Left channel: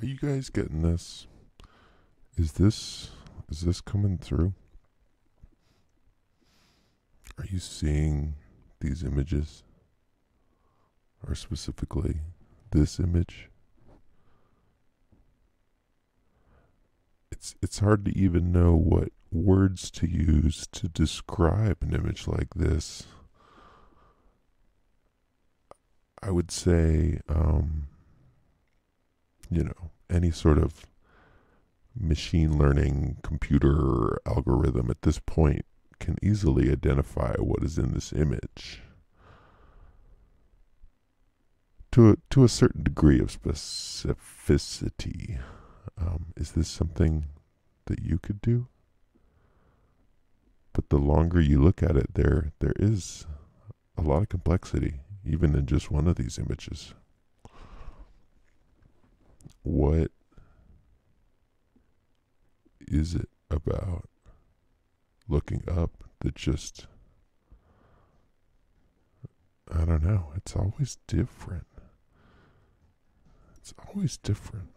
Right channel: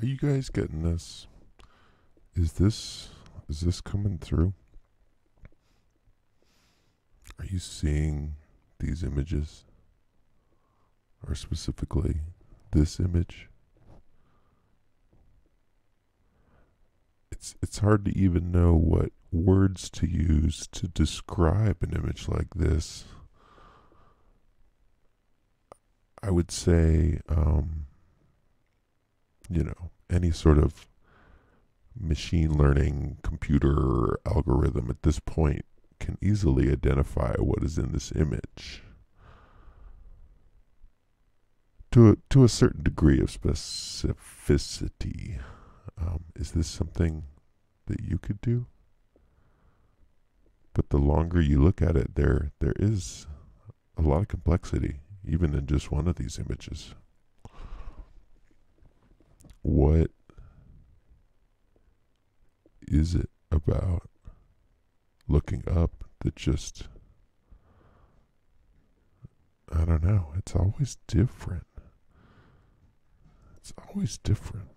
Are you guys getting this? Is this coming through? Are you seeing these images? Or specifically this image? It's hard to even know what words to use to describe an image like this. I would say, any sort of machine learning computer algorithm at this point can easily identify what is in this image to a certain degree of specificity. Is this something that you could do? But the longer you look at it, there is a lot of complexity, even in just one of these images. What is it about looking up that just, I don't know, it's always different. It's always different.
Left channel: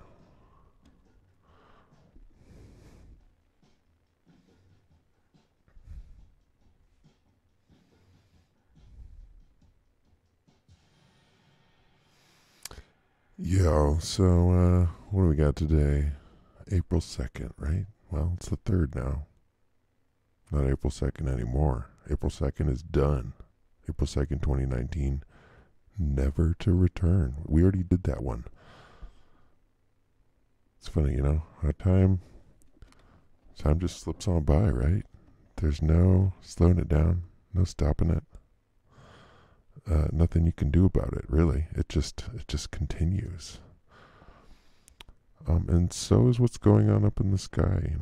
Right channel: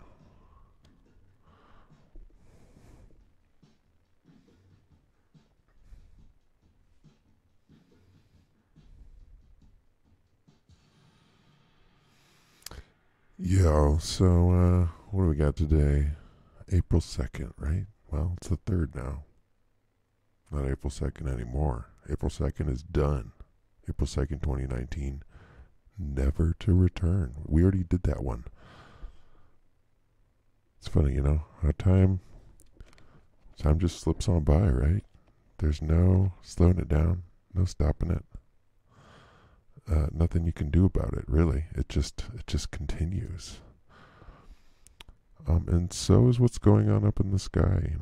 What do we got today? April 2nd, right? Well, it's the 3rd now. Not April 2nd anymore. April 2nd is done. April 2nd, 2019. Never to return. We already did that one. It's funny, how time just slips on by, right? There's no slowing it down, no stopping it. Nothing you can do about it, really. It just continues. And so is what's going on up in the sky,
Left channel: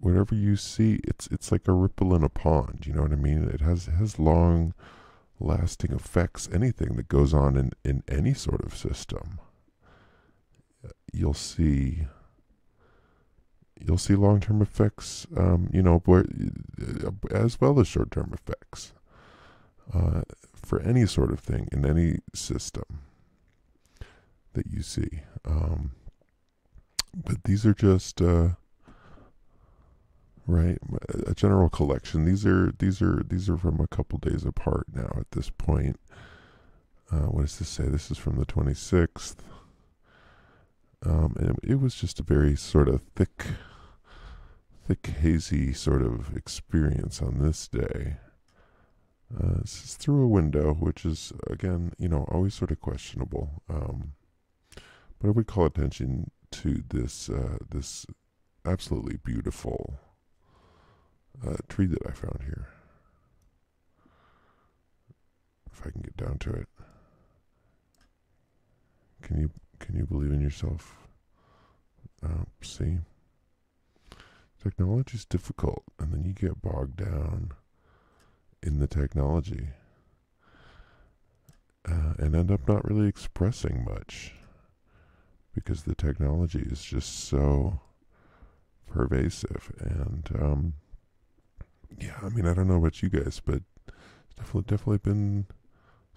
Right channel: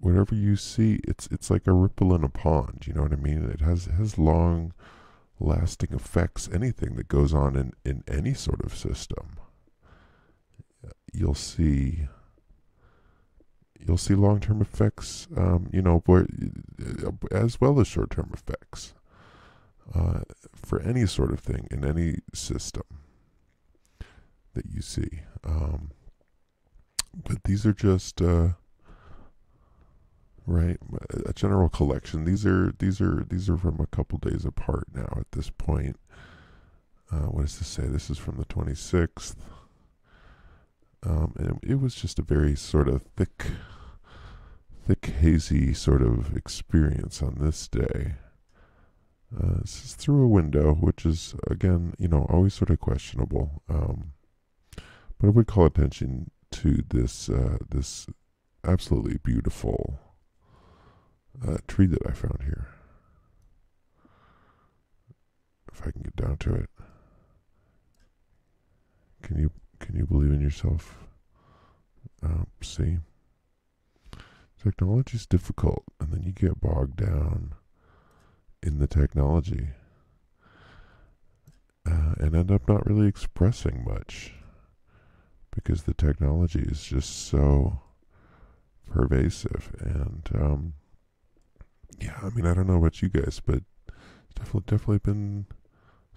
Whatever you see, it's like a ripple in a pond, you know what I mean? It has long lasting effects. Anything that goes on in any sort of system, you'll see long-term effects, as well as short-term effects, for any sort of thing in any system that you see. But these are just right, a general collection. These are from a couple days apart now. At this point, what does this say? This is from the 26th. And it was just a very sort of thick, hazy sort of experience on this day. This is through a window, which is, again, always sort of questionable. But if we call attention to this absolutely beautiful tree that I found here, if I can get down to it, can you believe in yourself? See, technology's difficult, and then you get bogged down in the technology and end up not really expressing much because the technology is just so pervasive. And yeah, I mean, I don't know about you guys, but it's definitely been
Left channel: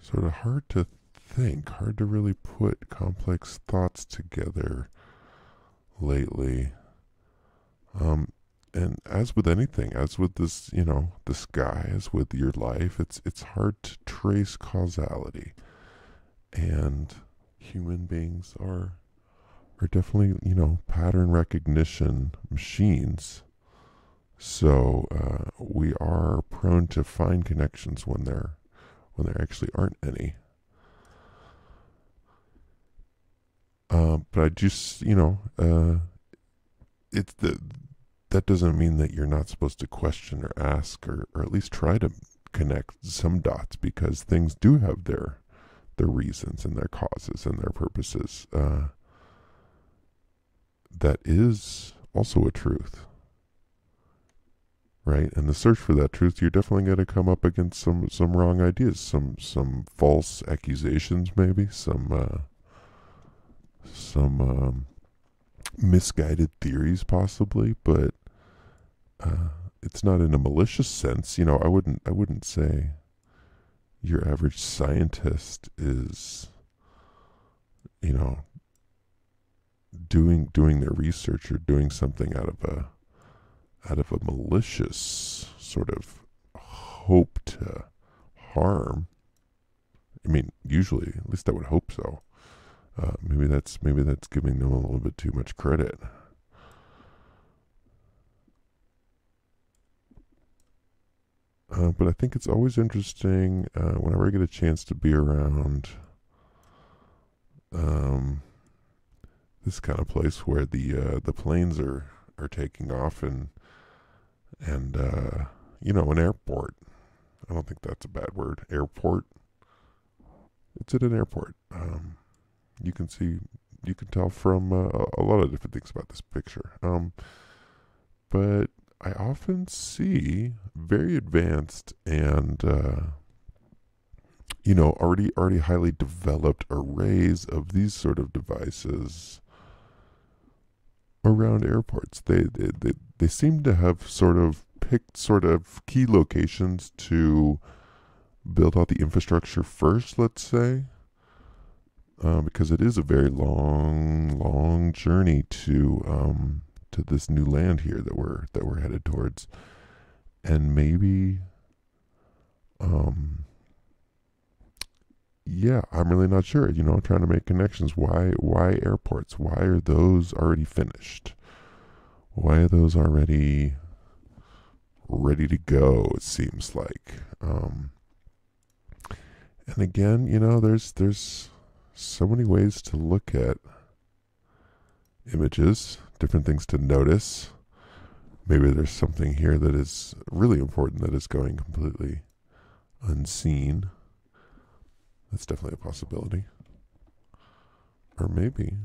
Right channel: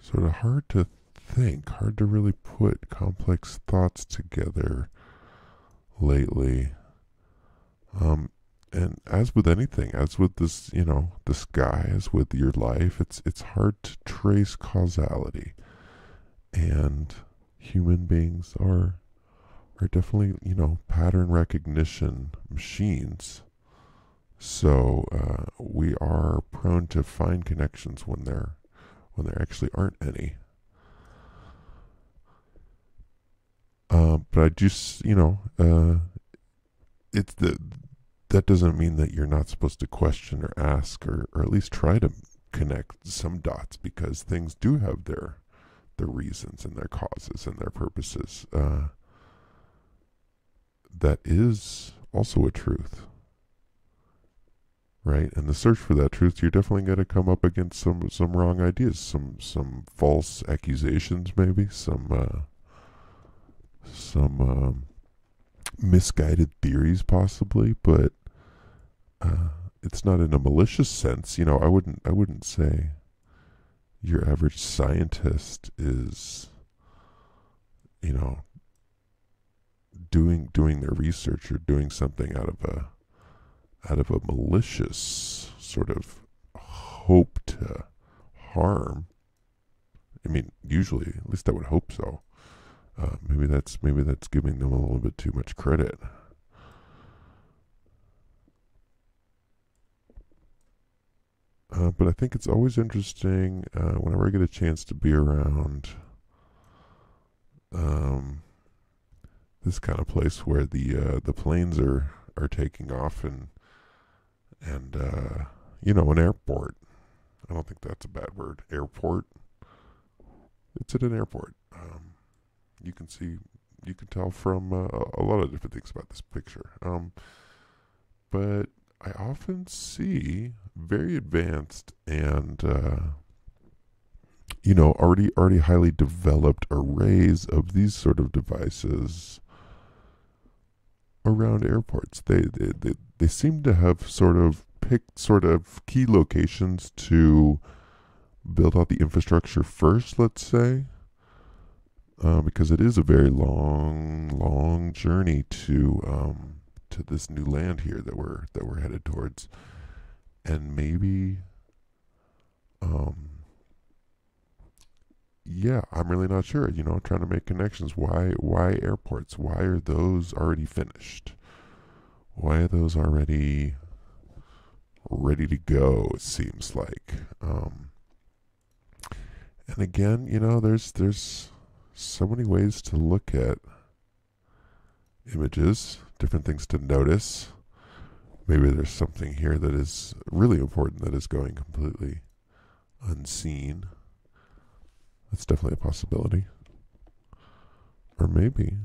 sort of hard to think, hard to really put complex thoughts together lately. And as with anything, as with this, the sky, as with your life, it's hard to trace causality. And human beings are definitely, pattern recognition machines. So we are prone to find connections when there actually aren't any. But I just, it's that doesn't mean that you're not supposed to question or ask or at least try to connect some dots, because things do have their reasons and their causes and their purposes. That is also a truth, right? And the search for that truth, you're definitely going to come up against some wrong ideas, some false accusations, maybe some misguided theories, possibly, but it's not in a malicious sense. I wouldn't say your average scientist is you know, doing their research or doing something out of a malicious sort of hope to harm. I mean, usually, at least I would hope so. Maybe that's giving them a little bit too much credit. But I think it's always interesting whenever I get a chance to be around um, this kind of place where the planes are taking off and an airport. I don't think that's a bad word. Airport. It's at an airport. You can see, you can tell from a lot of different things about this picture. But I often see very advanced and already highly developed arrays of these sort of devices around airports. They seem to have sort of picked sort of key locations to build out the infrastructure first, let's say, because it is a very long journey to this new land here that we're headed towards, and maybe, um, yeah, I'm really not sure. I'm trying to make connections. Why airports? Why are those already finished? Why are those already ready to go? It seems like, and again, there's so many ways to look at images, different things to notice. Maybe there's something here that is really important that is going completely unseen. That's definitely a possibility. Or maybe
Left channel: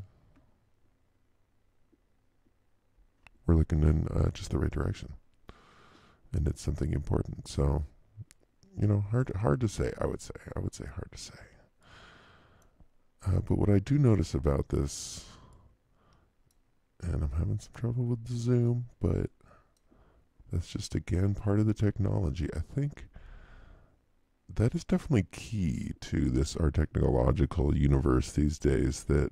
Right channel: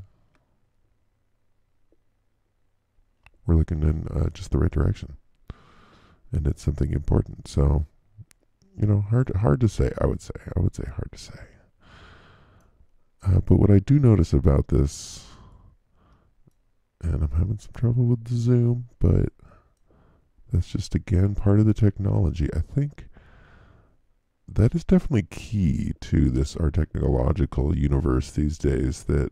we're looking in just the right direction, and it's something important. So, hard to say. I would say hard to say. But what I do notice about this, and I'm having some trouble with the zoom, but that's just again part of the technology. I think that is definitely key to this our technological universe these days. That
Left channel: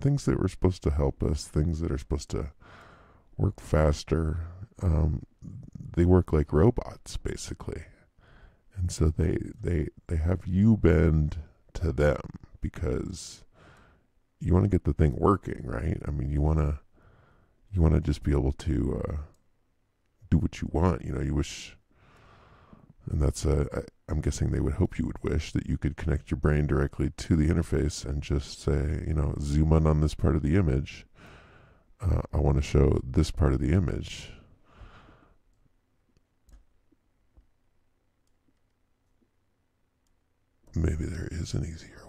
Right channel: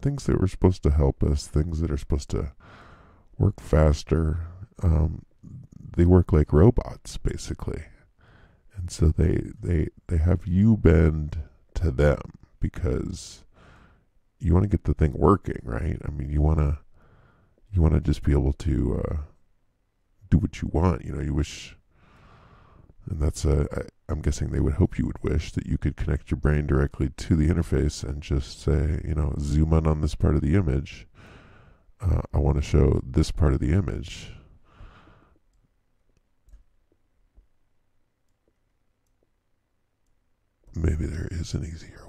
things that were supposed to help us, things that are supposed to work faster, they work like robots basically, and so they have you bend to them because you want to get the thing working, right? I mean, you want to just be able to do what you want. You wish, and I'm guessing they would hope you would wish that you could connect your brain directly to the interface and just say, zoom in on this part of the image. I want to show this part of the image. Maybe there is an easier way.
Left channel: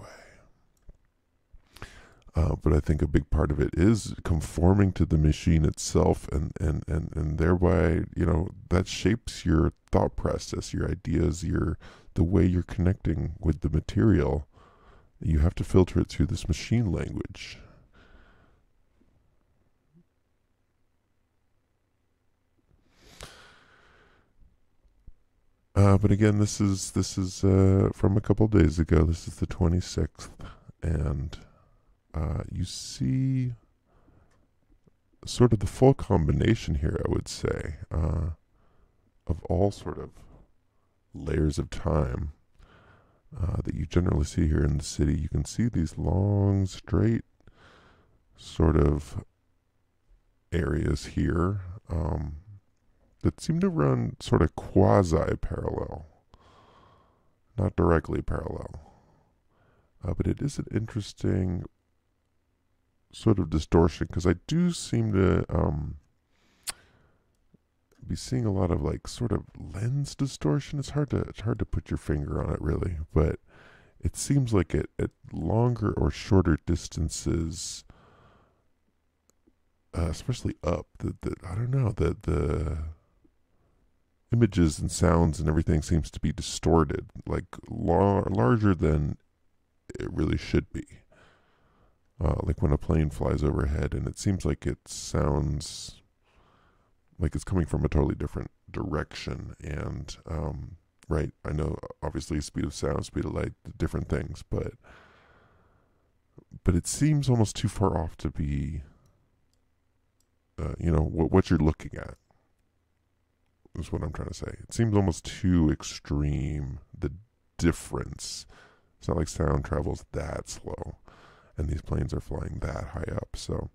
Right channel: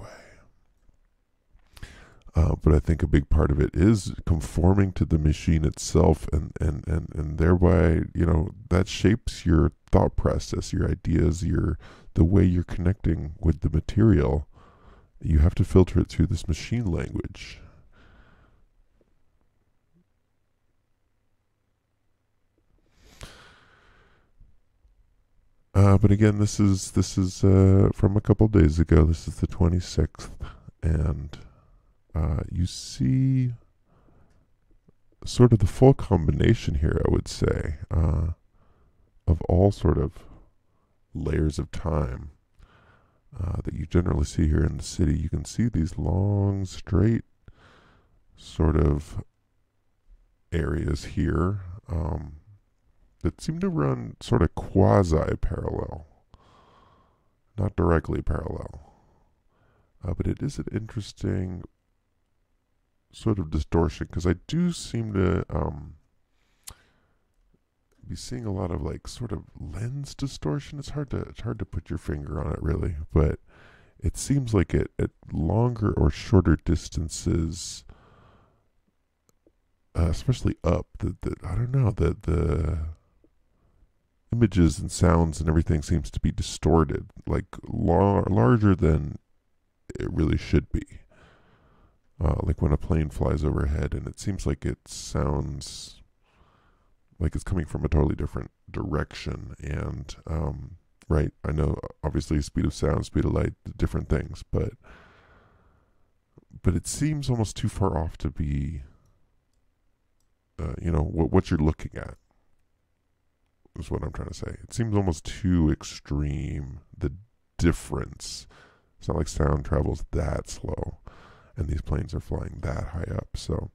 But I think a big part of it is conforming to the machine itself, and thereby, that shapes your thought process, your ideas, the way you're connecting with the material. You have to filter it through this machine language. But again, this is from a couple days ago. This is the 26th, and you see sort of the full combination here, I would say, of all sort of layers of time that you generally see here in the city. You can see these long, straight sort of areas here that seem to run sort of quasi-parallel, not directly parallel. But it is an interesting sort of distortion, because I do seem to be seeing a lot of like sort of lens distortion. It's hard to put your finger on it really, but it seems like at longer or shorter distances, especially up, that I don't know, the images and sounds and everything seems to be distorted, like larger than it really should be. Like when a plane flies overhead and it seems like it sounds like it's coming from a totally different direction. And, right, I know obviously speed of sound, speed of light, different things, but but it seems almost too far off to be, what you're looking at is what I'm trying to say. It seems almost too extreme, the difference. It's not like sound travels that slow, and these planes are flying that high up. So,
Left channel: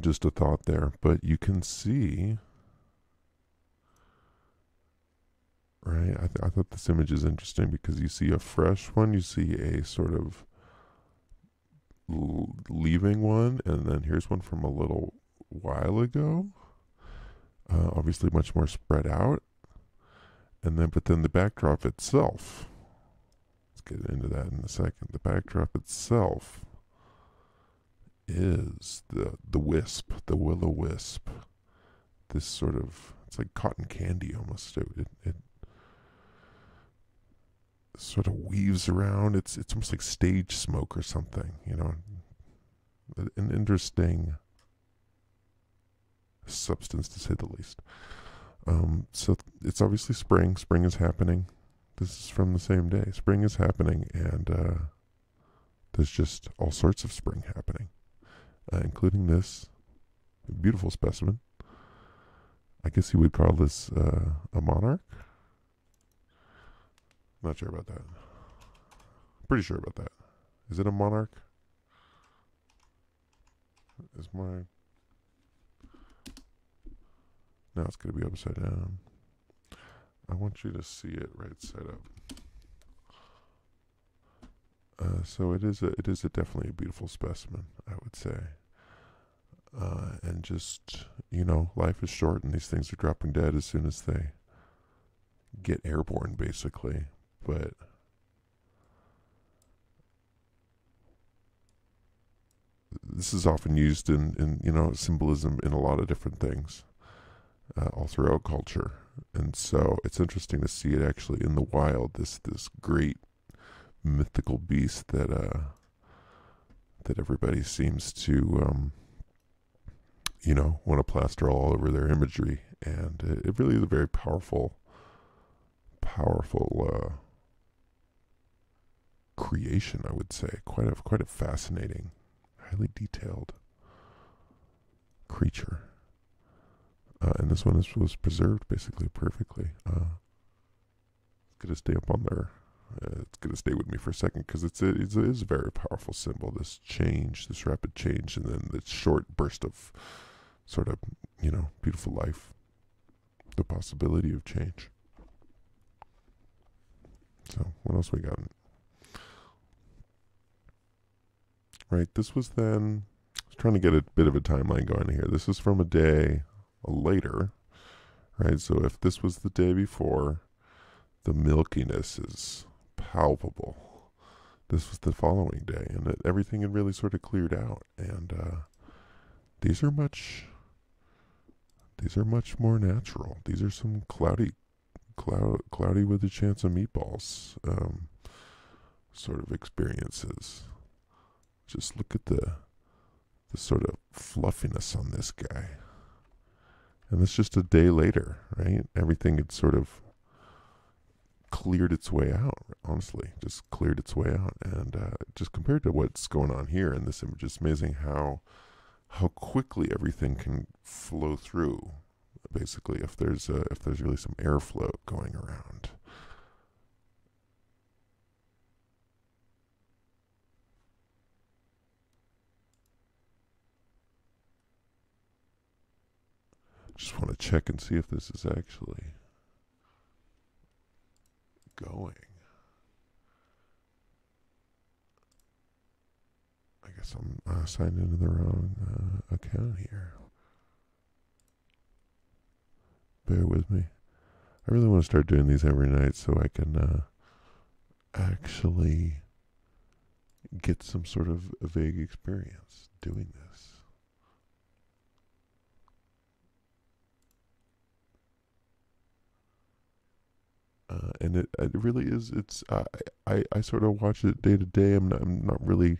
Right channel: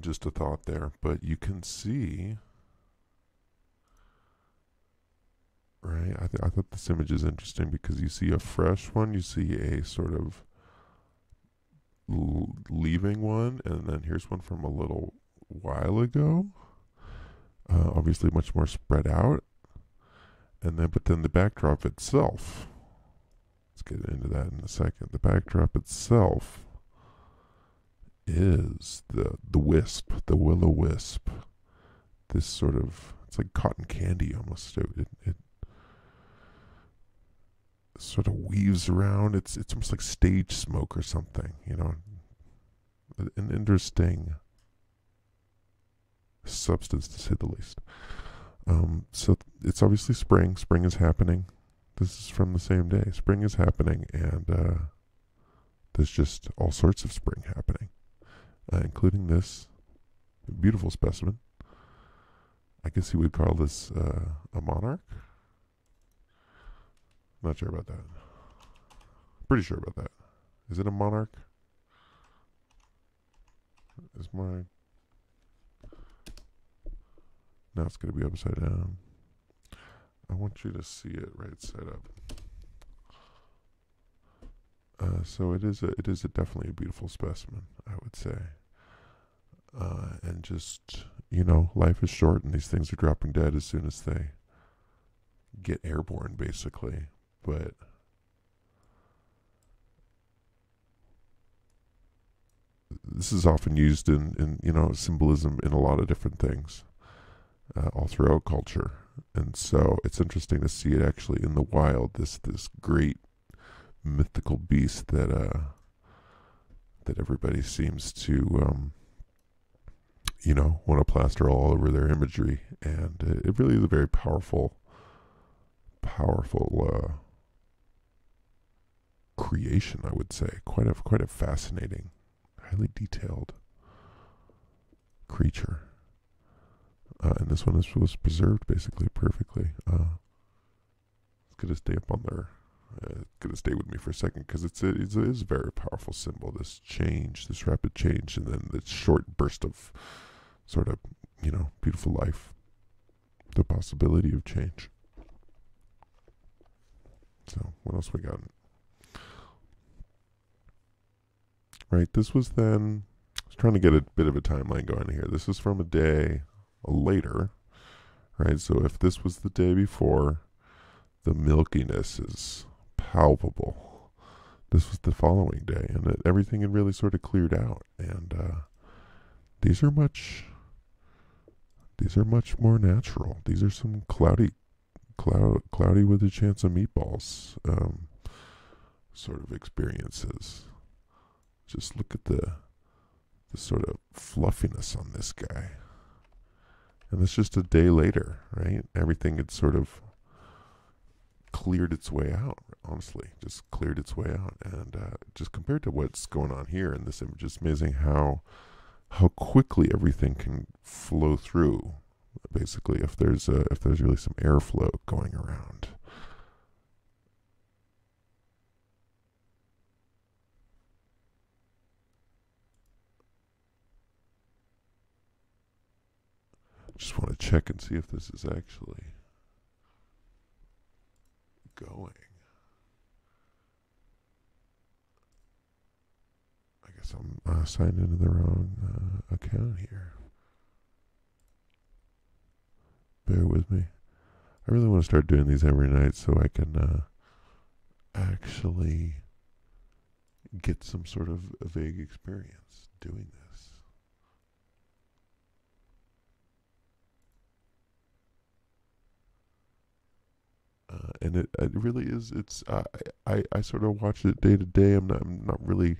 just a thought there. But you can see, right? I thought this image is interesting because you see a fresh one, you see a sort of leaving one, and then here's one from a little while ago. Obviously, much more spread out, but then the backdrop itself. Let's get into that in a second. The backdrop itself is the wisp, the will-o-wisp. This sort of, it's like cotton candy almost. So it sort of weaves around. It's almost like stage smoke or something, an interesting substance to say the least. So it's obviously spring. Spring is happening. This is from the same day. Spring is happening, and there's just all sorts of spring happening, including this beautiful specimen. I guess you would call this a monarch. Not sure about that. Pretty sure about that. Is it a monarch? Is my... Now it's going to be upside down. I want you to see it right side up. So it is definitely a beautiful specimen, I would say. And just, life is short and these things are dropping dead as soon as they get airborne, basically. But this is often used in symbolism in a lot of different things, all throughout culture. And so it's interesting to see it actually in the wild, this great mythical beast that everybody seems to want to plaster all over their imagery. And it really is a very powerful creation, I would say. Quite a fascinating, highly detailed creature. And this one was preserved basically perfectly. It's going to stay up on there. It's going to stay with me for a second because it is a very powerful symbol. This change, this rapid change, and then this short burst of sort of, beautiful life. The possibility of change. So, what else we got? Right, this was then... I was trying to get a bit of a timeline going here. This is from a day later, right? So if this was the day before, the milkiness is palpable. This was the following day, and everything had really sort of cleared out. And these are much more natural. These are some cloudy with a chance of meatballs sort of experiences. Just look at the sort of fluffiness on this guy. And that's just a day later, right? Everything had sort of cleared its way out, honestly. Just cleared its way out. And just compared to what's going on here in this image, it's amazing how quickly everything can flow through. Basically, if there's really some airflow going around. Just want to check and see if this is actually going. I guess I'm signed into the wrong account here. Bear with me. I really want to start doing these every night so I can actually get some sort of a vague experience doing this. And it really is. It's I sort of watch it day to day. I'm not really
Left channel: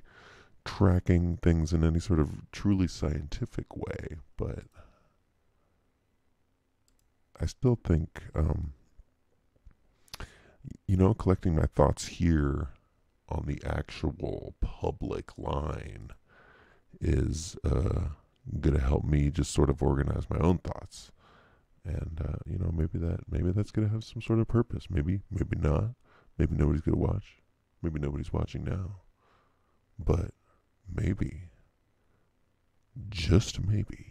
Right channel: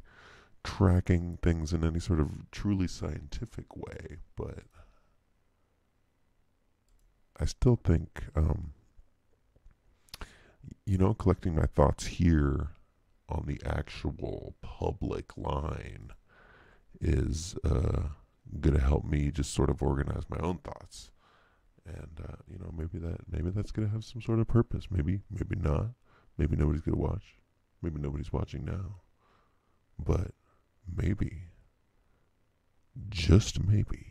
tracking things in any sort of truly scientific way, but I still think collecting my thoughts here on the actual public line is going to help me just sort of organize my own thoughts. And maybe that's going to have some sort of purpose. Maybe not. Maybe nobody's going to watch. Maybe nobody's watching now. But maybe, just maybe,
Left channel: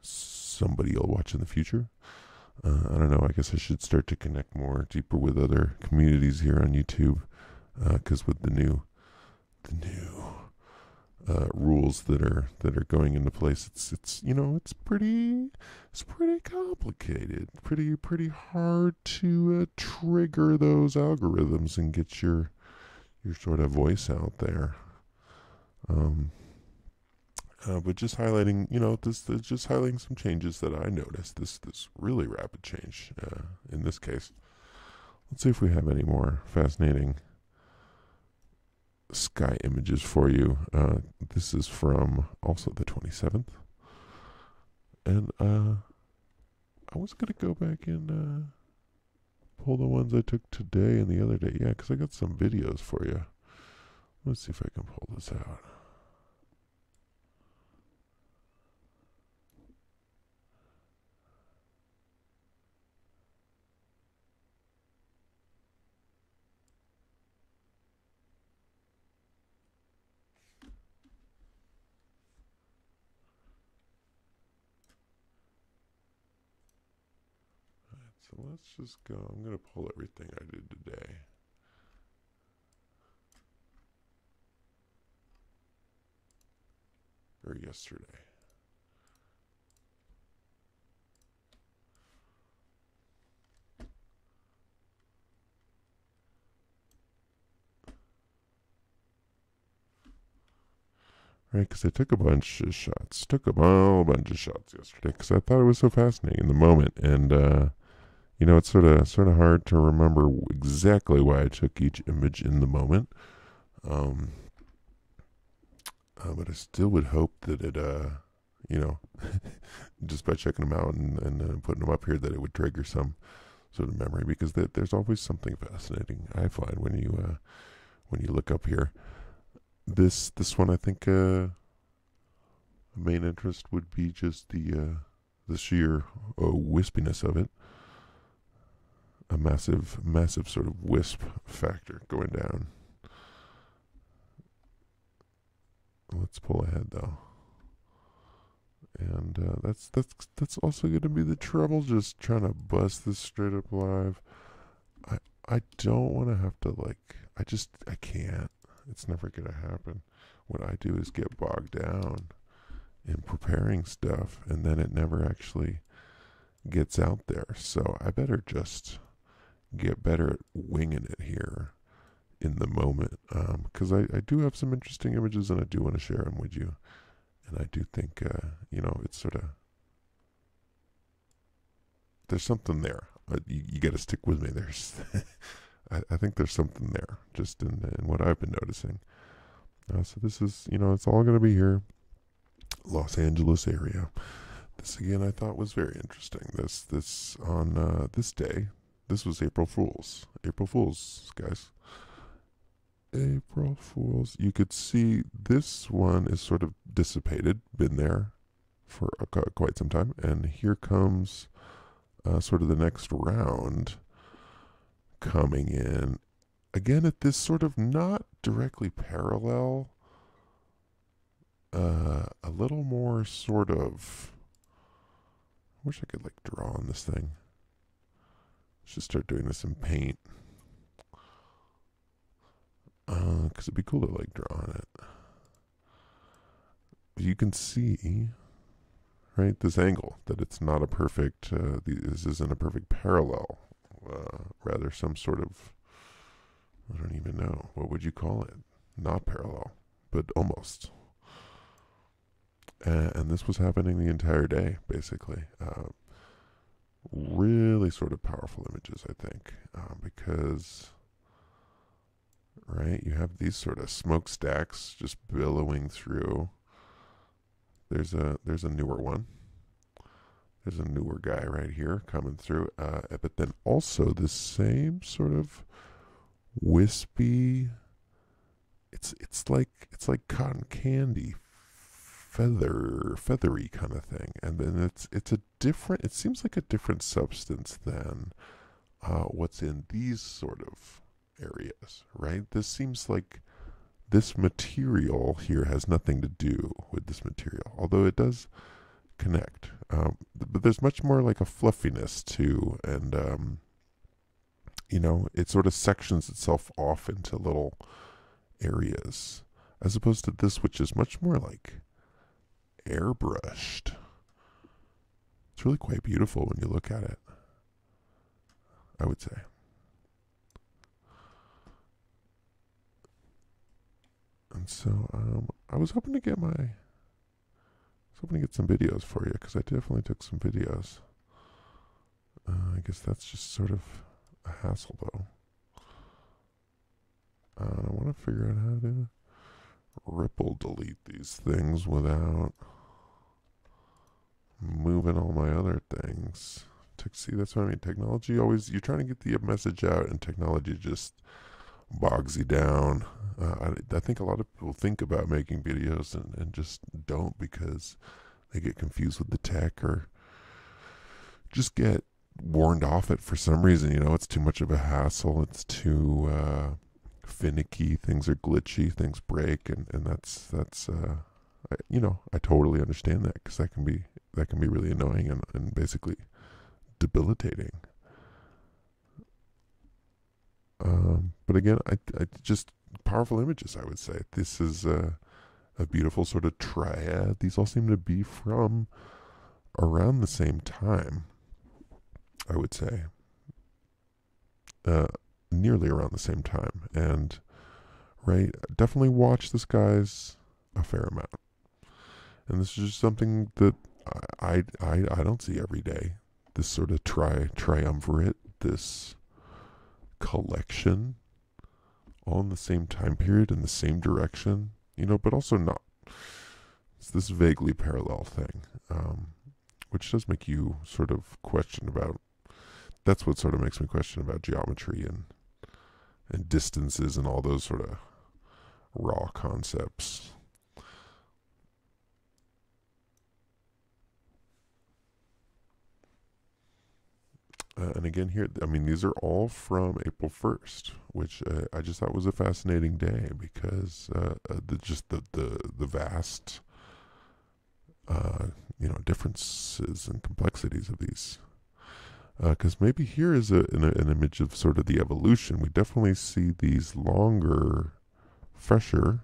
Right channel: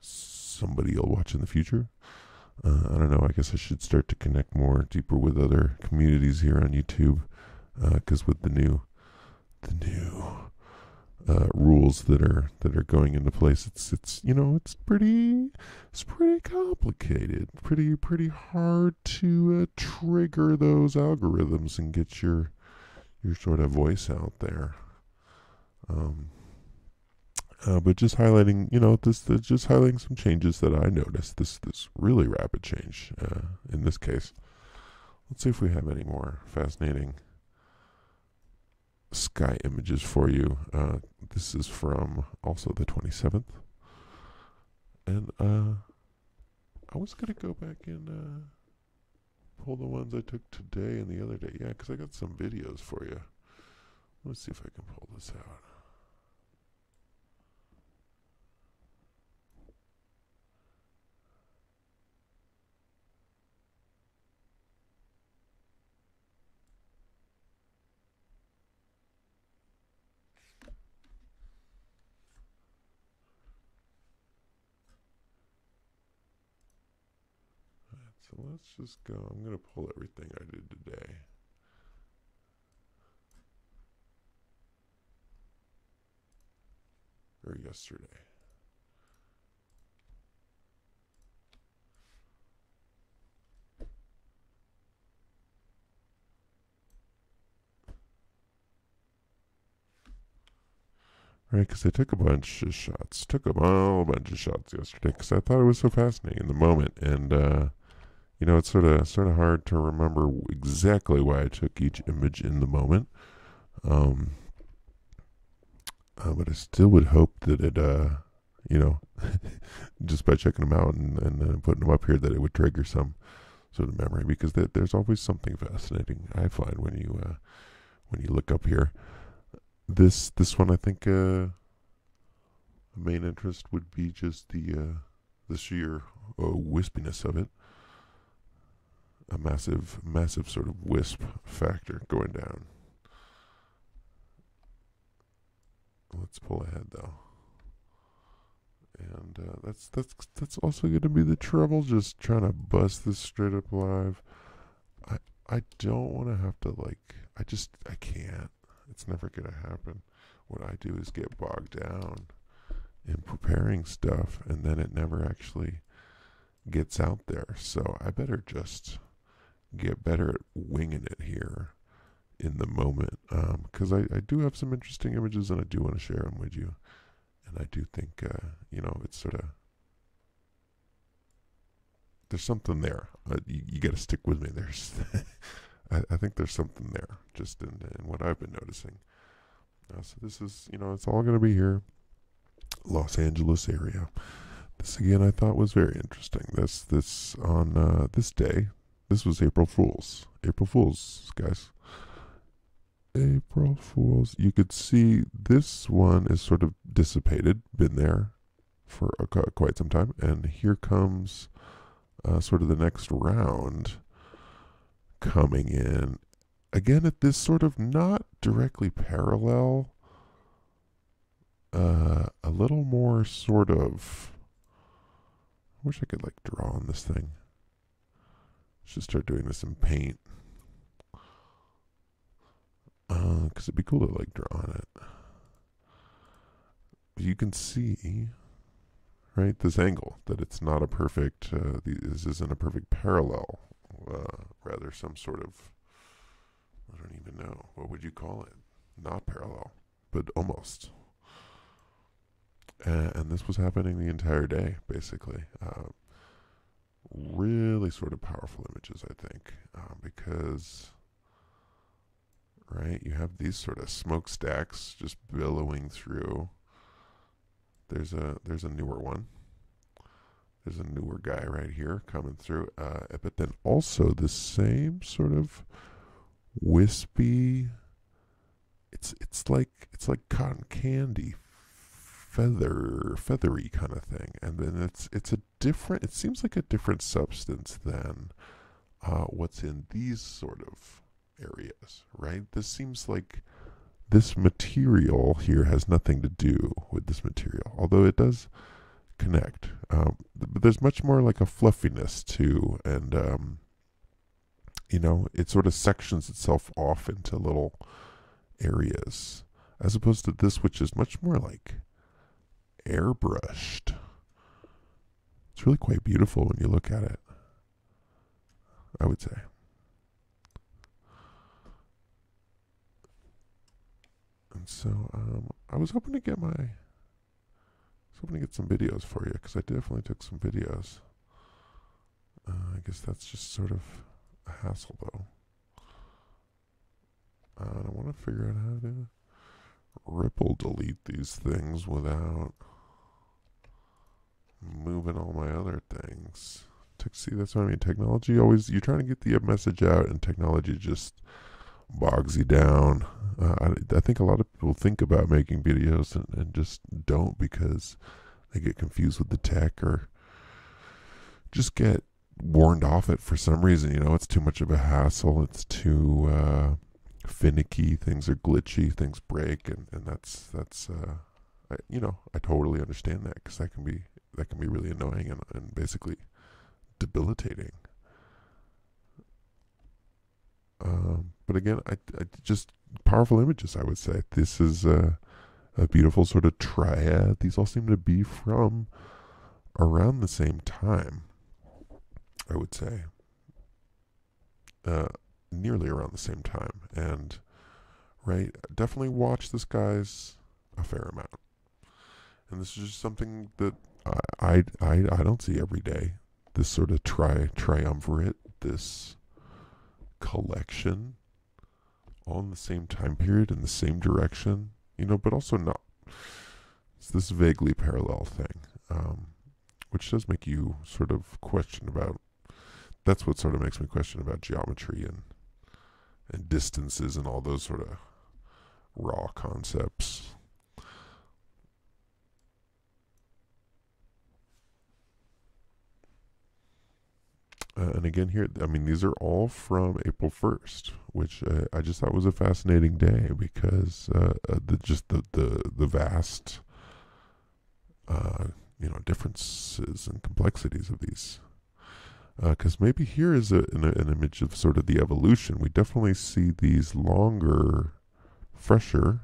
somebody will watch in the future. I don't know. I guess I should start to connect more deeper with other communities here on YouTube, because with the new rules that are going into place, it's pretty complicated, pretty hard to trigger those algorithms and get your sort of voice out there. But just highlighting, just highlighting some changes that I noticed. This really rapid change in this case. Let's see if we have any more fascinating sky images for you. This is from also the 27th, and I was gonna go back and pull the ones I took today and the other day. Yeah, because I got some videos for you. Let's see if I can pull this out. So let's just go. I'm going to pull everything I did today. Or yesterday. Right, because I took a bunch of shots. Took a whole bunch of shots yesterday because I thought it was so fascinating in the moment. And, it's sort of hard to remember exactly why I took each image in the moment. But I still would hope that it, just by checking them out and putting them up here, that it would trigger some sort of memory, because there's always something fascinating I find when you look up here. This one, I think, the main interest would be just the sheer wispiness of it. A massive sort of wisp factor going down. Let's pull ahead though, and that's also going to be the trouble. Just trying to bust this straight up live. I don't want to have to I can't. It's never going to happen. What I do is get bogged down in preparing stuff, and then it never actually gets out there. So I better just get better at winging it here in the moment, because I do have some interesting images and I do want to share them with you. And I do think, it's sort of, there's something there. You got to stick with me. There's, I think there's something there, just in what I've been noticing. So this is, it's all going to be here, Los Angeles area. This again, I thought was very interesting. This on this day. This was April Fool's. April Fool's, guys. April Fool's. You could see this one is sort of dissipated, been there for quite some time, and here comes sort of the next round coming in. Again, at this sort of not directly parallel, a little more sort of. I wish I could draw on this thing. Should start doing this in paint. Because it'd be cool to draw on it. You can see, right, this angle, that it's not a perfect, this isn't a perfect parallel. Rather some sort of, I don't even know, what would you call it? Not parallel, but almost. And this was happening the entire day, basically. Really sort of powerful images, I think, because, right, you have these sort of smokestacks just billowing through. There's a newer one. There's a newer guy right here coming through, but then also the same sort of wispy. It's like cotton candy, feathery kind of thing, and then it's a different. It seems like a different substance than what's in these sort of areas, right? This seems like this material here has nothing to do with this material, although it does connect. But there's much more like a fluffiness too, and it sort of sections itself off into little areas, as opposed to this, which is much more like airbrushed. It's really quite beautiful when you look at it, I would say. And so I was hoping to get some videos for you, because I definitely took some videos. I guess that's just sort of a hassle, though. I want to figure out how to ripple delete these things without moving all my other things. See, that's what I mean. Technology always, you're trying to get the message out, and technology just bogs you down. I think a lot of people think about making videos and just don't, because they get confused with the tech, or just get warned off it for some reason. It's too much of a hassle. It's too finicky. Things are glitchy. Things break, and that's I totally understand that, because that can be really annoying and basically debilitating. But again, I just powerful images, I would say. This is a beautiful sort of triad. These all seem to be from around the same time, I would say. Nearly around the same time. And, right, definitely watch this guy's a fair amount. And this is just something that I don't see every day. This sort of triumvirate, this collection, all in the same time period, in the same direction, but also not. It's this vaguely parallel thing, which does make you sort of question about. That's what sort of makes me question about geometry and distances and all those sort of raw concepts. And again, here, I mean, these are all from April 1st, which I just thought was a fascinating day, because the vast differences and complexities of these. Because maybe here is an image of sort of the evolution. We definitely see these longer, fresher,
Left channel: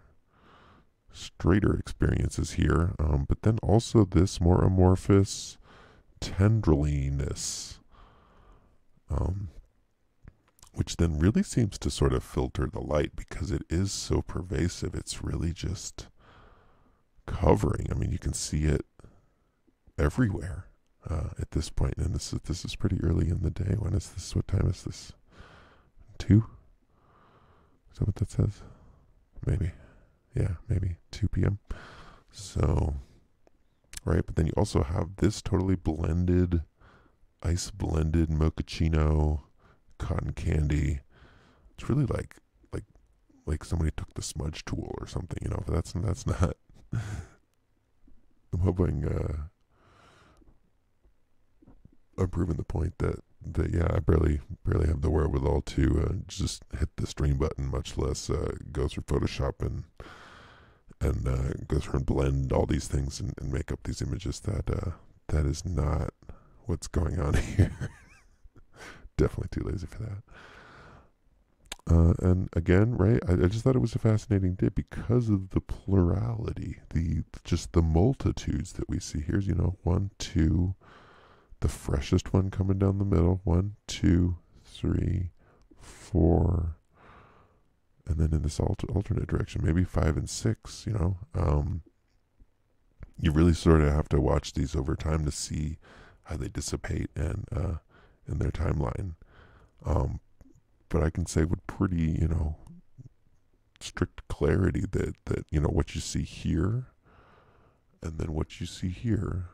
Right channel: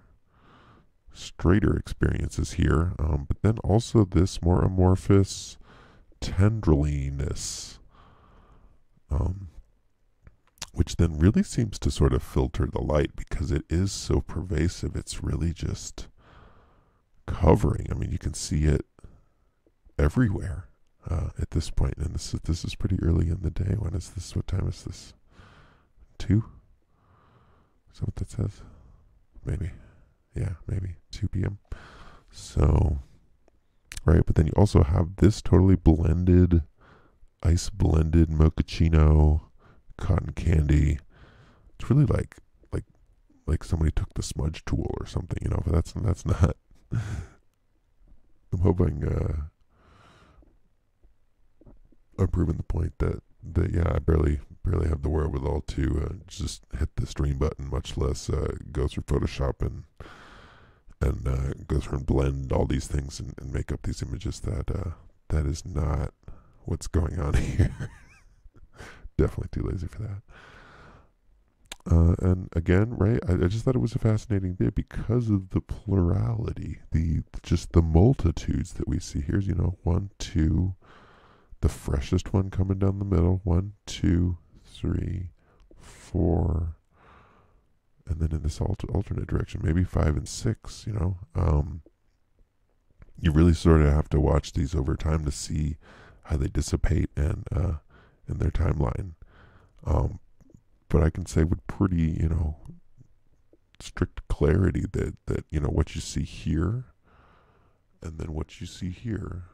straighter experiences here, but then also this more amorphous tendriliness, which then really seems to sort of filter the light, because it is so pervasive. It's really just covering. I mean, you can see it everywhere at this point. And this is pretty early in the day. When is this? What time is this? 2? Is that what that says? Maybe. Yeah, maybe 2 p.m. So, right, but then you also have this totally blended, ice blended mochaccino, cotton candy. It's really like somebody took the smudge tool or something, but that's not. I'm hoping I'm proving the point that yeah, I barely have the wherewithal to just hit the stream button, much less go through Photoshop and go through and blend all these things and make up these images. That is not what's going on here. Definitely too lazy for that. And again, right, I just thought it was a fascinating day because of the plurality, just the multitudes that we see. Here's 1, 2, the freshest one coming down the middle. 1, 2, 3, 4, and then in this alternate direction, maybe 5 and 6. You really sort of have to watch these over time to see how they dissipate and in their timeline. But I can say with pretty, strict clarity that what you see here and then what you see here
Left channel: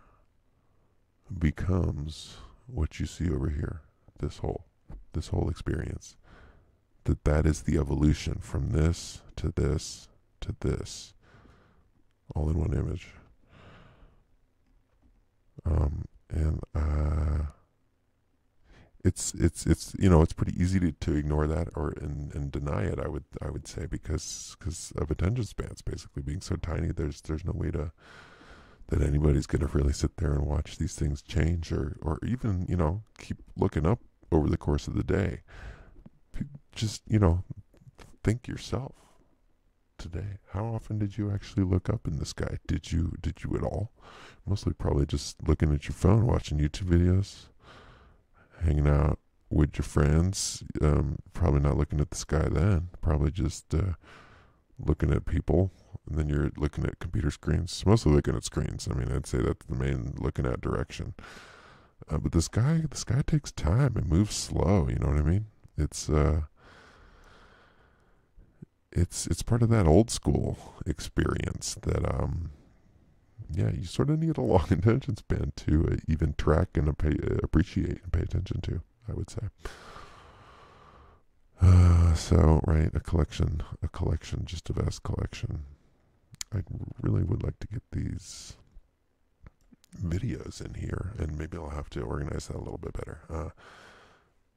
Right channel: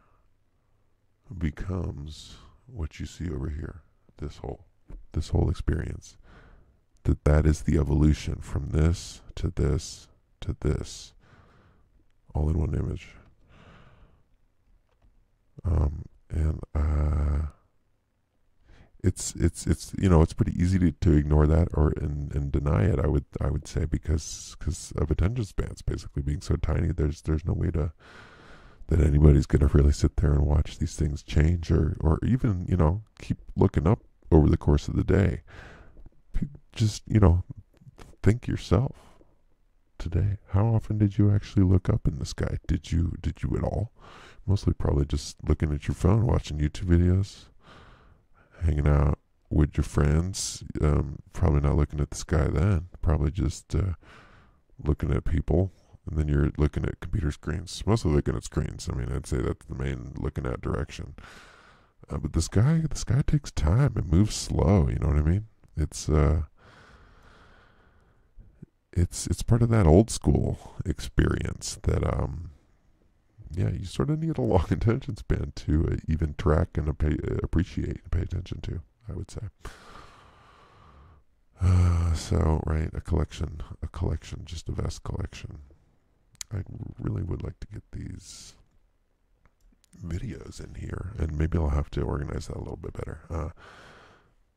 becomes what you see over here. This whole experience. that is the evolution from this to this to this, all in one image. And it's it's pretty easy to ignore that or and deny it. I would say because of attention spans basically being so tiny. There's no way to that anybody's gonna really sit there and watch these things change or even keep looking up over the course of the day. Just think yourself today. How often did you actually look up in the sky? Did you at all? Mostly probably just looking at your phone, watching YouTube videos, hanging out with your friends. Probably not looking at the sky then. Probably just looking at people. And then you're looking at computer screens. Mostly looking at screens. I mean, I'd say that's the main looking at direction. But the sky takes time. It moves slow. You know what I mean? It's part of that old school experience that you sort of need a long attention span to even track and appreciate and pay attention to, I would say. So right, a collection, just a vast collection. I really would like to get these videos in here, and maybe I'll have to organize that a little bit better.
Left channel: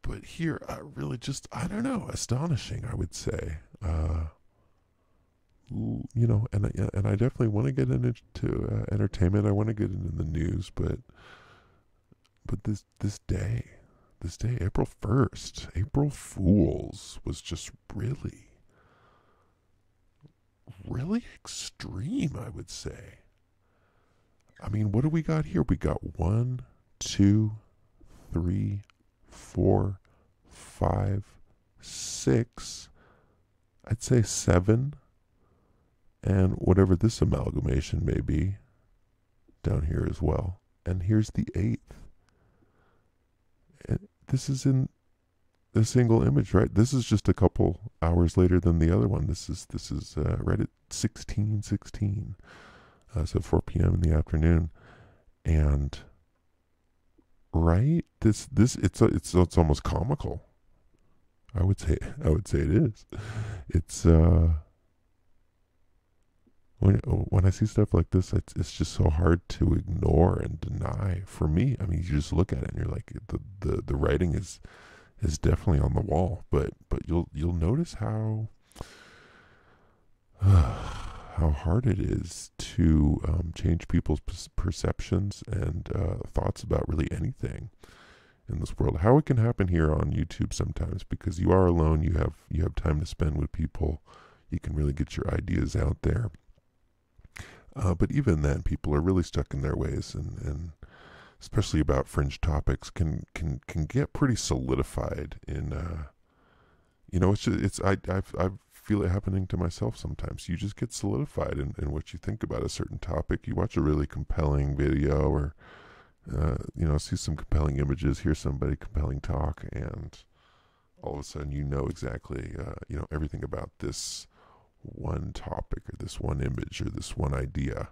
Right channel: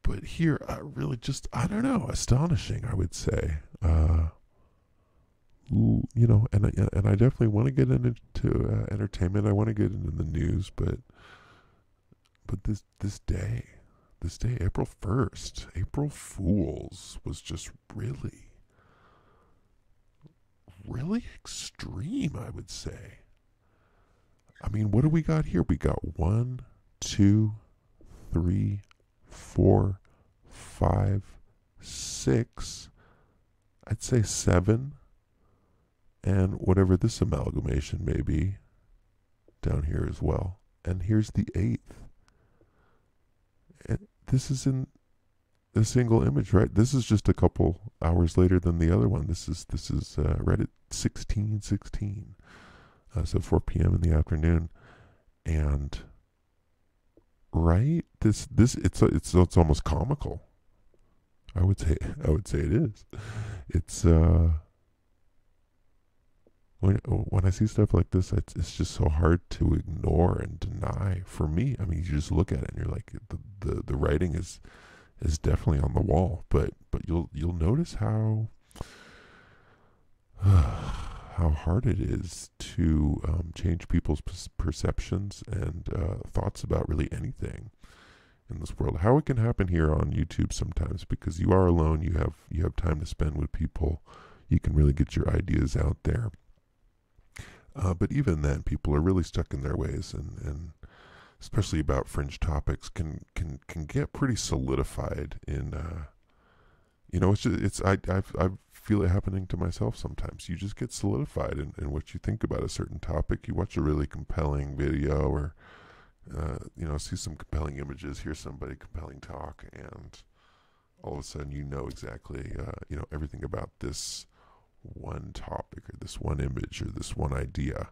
But here, really just, I don't know, astonishing, I would say. And I definitely want to get into entertainment. I want to get into the news, but this day, April 1st, April Fools, was just really extreme, I would say. I mean, what do we got here? We got 1, 2, 3, 4, 5, 6, I'd say 7, and whatever this amalgamation may be down here as well. And here's the 8th. And this is in the single image, right? This is just a couple hours later than the other one. This is right at 16:16, so 4 p.m. in the afternoon, and right, this it's almost comical. I would say it is. It's when I see stuff like this, it's just so hard to ignore and deny. For me, I mean, you just look at it and you're like, the writing is definitely on the wall. But you'll notice how hard it is to change people's perceptions and thoughts about really anything in this world. How it can happen here on YouTube sometimes, because you are alone, you have time to spend with people, you can really get your ideas out there. But even then, people are really stuck in their ways, and especially about fringe topics, can get pretty solidified in. I feel it happening to myself sometimes. You just get solidified in what you think about a certain topic. You watch a really compelling video, or see some compelling images, hear somebody compelling talk, and all of a sudden you know exactly everything about this one topic or this one image or this one idea.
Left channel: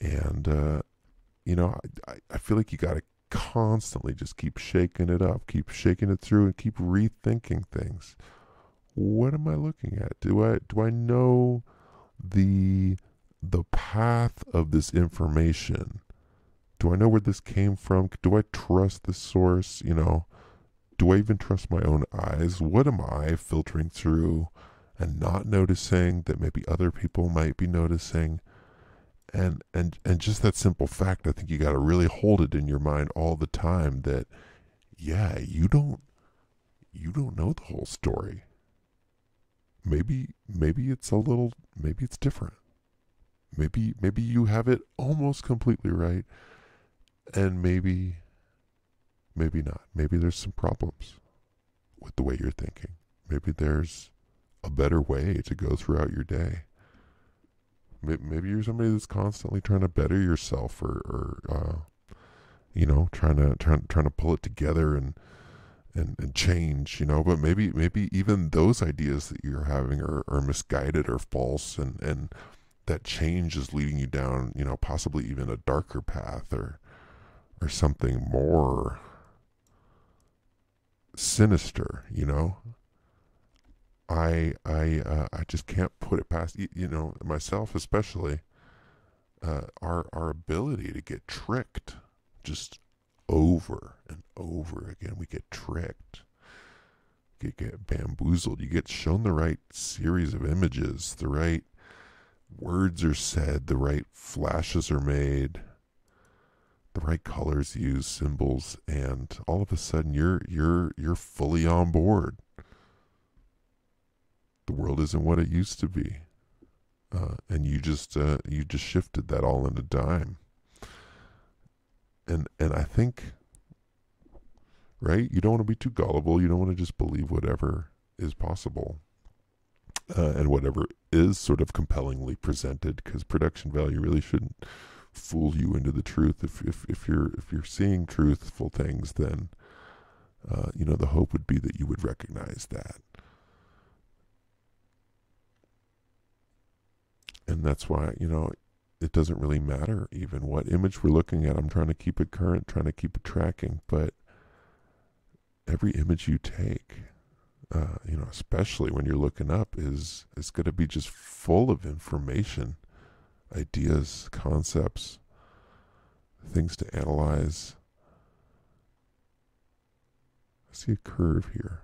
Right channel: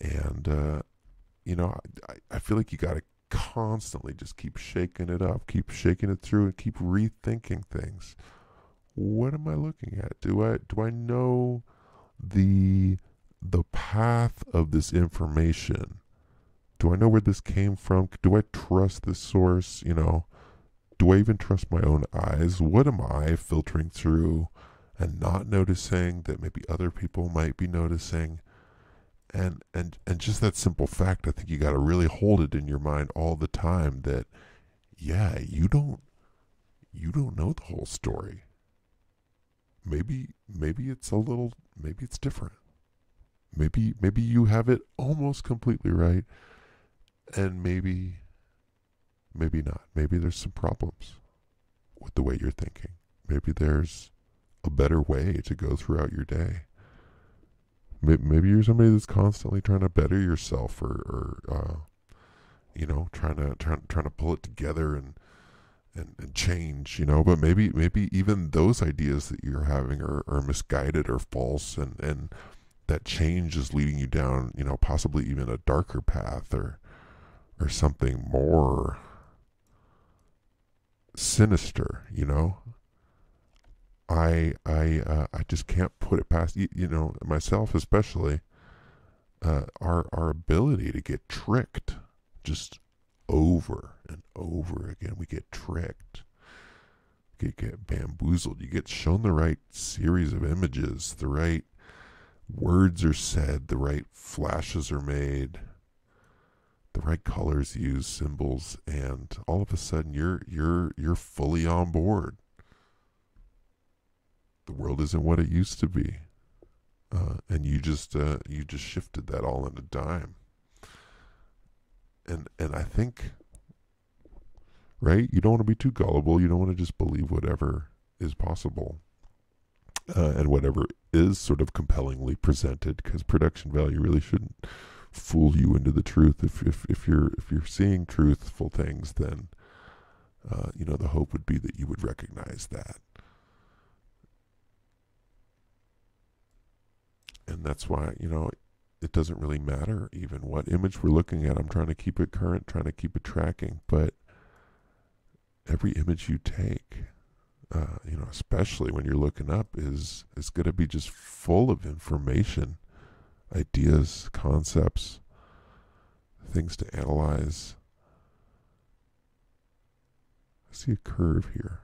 And I feel like you got to constantly just keep shaking it up, keep shaking it through, and keep rethinking things. What am I looking at? Do I know the path of this information? Do I know where this came from? Do I trust the source? Do I even trust my own eyes? What am I filtering through and not noticing that maybe other people might be noticing? And just that simple fact, I think you got to really hold it in your mind all the time that, yeah, you don't know the whole story. Maybe it's maybe it's different. Maybe you have it almost completely right, and maybe not. Maybe there's some problems with the way you're thinking. Maybe there's a better way to go throughout your day. Maybe you're somebody that's constantly trying to better yourself, or trying to pull it together and change, but maybe even those ideas that you're having are misguided or false, and that change is leading you down, possibly even a darker path, or something more sinister, I just can't put it past you know, myself especially. Our ability to get tricked just over and over again. We get tricked, get bamboozled. You get shown the right series of images, the right words are said, the right flashes are made, the right colors used, symbols, and all of a sudden you're fully on board. The world isn't what it used to be, and you just shifted that all in a dime. And I think, right, you don't want to be too gullible. You don't want to just believe whatever is possible, and whatever is sort of compellingly presented, because production value really shouldn't fool you into the truth. If you're seeing truthful things, then you know, the hope would be that you would recognize that. And that's why, you know, it doesn't really matter even what image we're looking at. I'm trying to keep it current, trying to keep it tracking, but every image you take, you know, especially when you're looking up, is going to be just full of information, ideas, concepts, things to analyze. I see a curve here.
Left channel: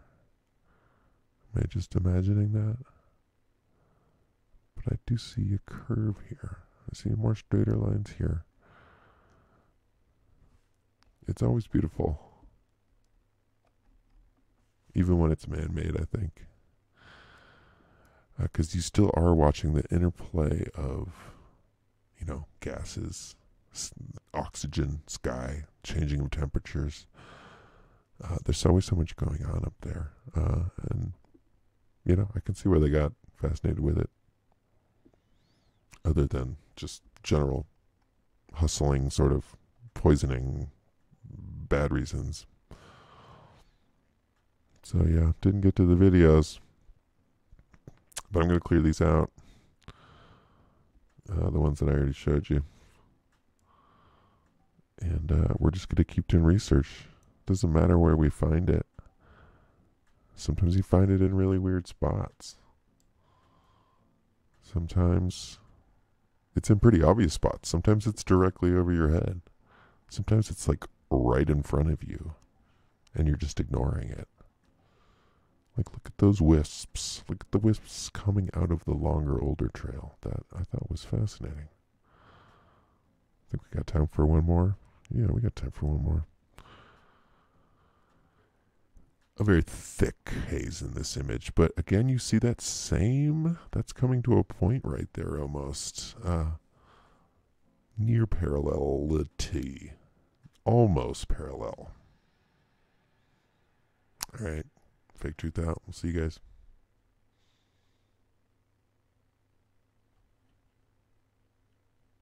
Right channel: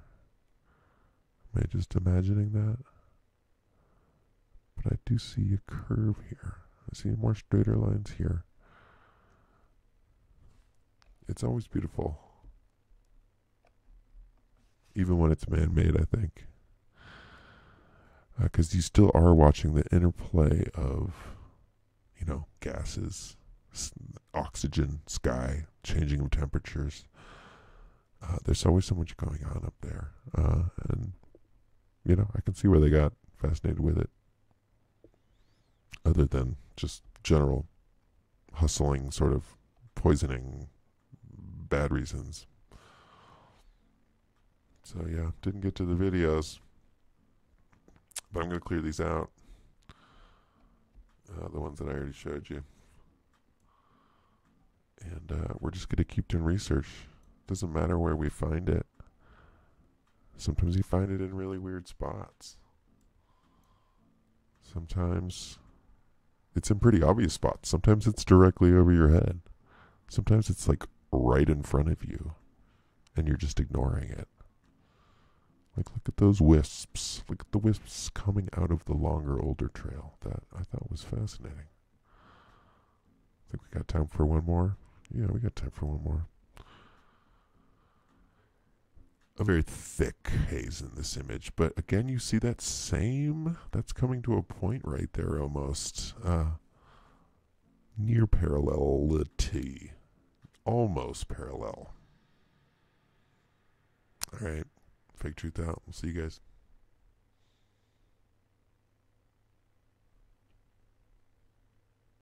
Am I just imagining that? But I do see a curve here. I see more straighter lines here. It's always beautiful, even when it's man-made, I think. Because you still are watching the interplay of, you know, gases, oxygen, sky, changing of temperatures. There's always so much going on up there. And, you know, I can see where they got fascinated with it. Other than just general hustling, sort of poisoning, bad reasons. So yeah, didn't get to the videos, but I'm going to clear these out. The ones that I already showed you. And we're just going to keep doing research. Doesn't matter where we find it. Sometimes you find it in really weird spots. Sometimes it's in pretty obvious spots. Sometimes it's directly over your head. Sometimes it's like right in front of you, and you're just ignoring it. Like, look at those wisps. Look at the wisps coming out of the longer, older trail. That I thought was fascinating. Think we got time for one more? Yeah, we got time for one more. A very thick haze in this image, but again, you see that same, that's coming to a point right there almost. Near parallelity. Almost parallel. Alright, fake truth out. We'll see you guys.